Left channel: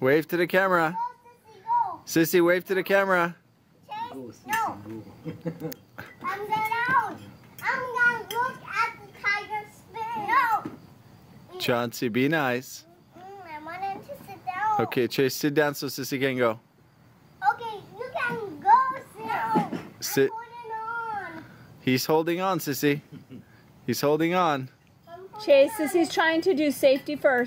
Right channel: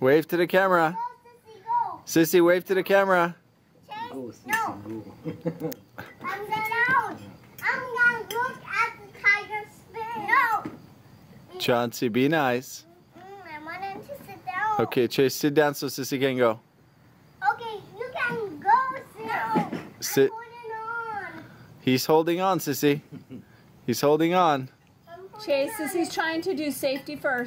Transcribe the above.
Wave to the camera. Sissy, wave to the camera. No. I'm gonna look at the tiger spin. No. Chauncey, be nice. I want him to sit down. Okay, Chase, sit down so Sissy can go. Okay, you can go. No. Sit. I'm holding on. He's holding on, Sissy. He's holding on. Chase, Sissy's trying to do safety first.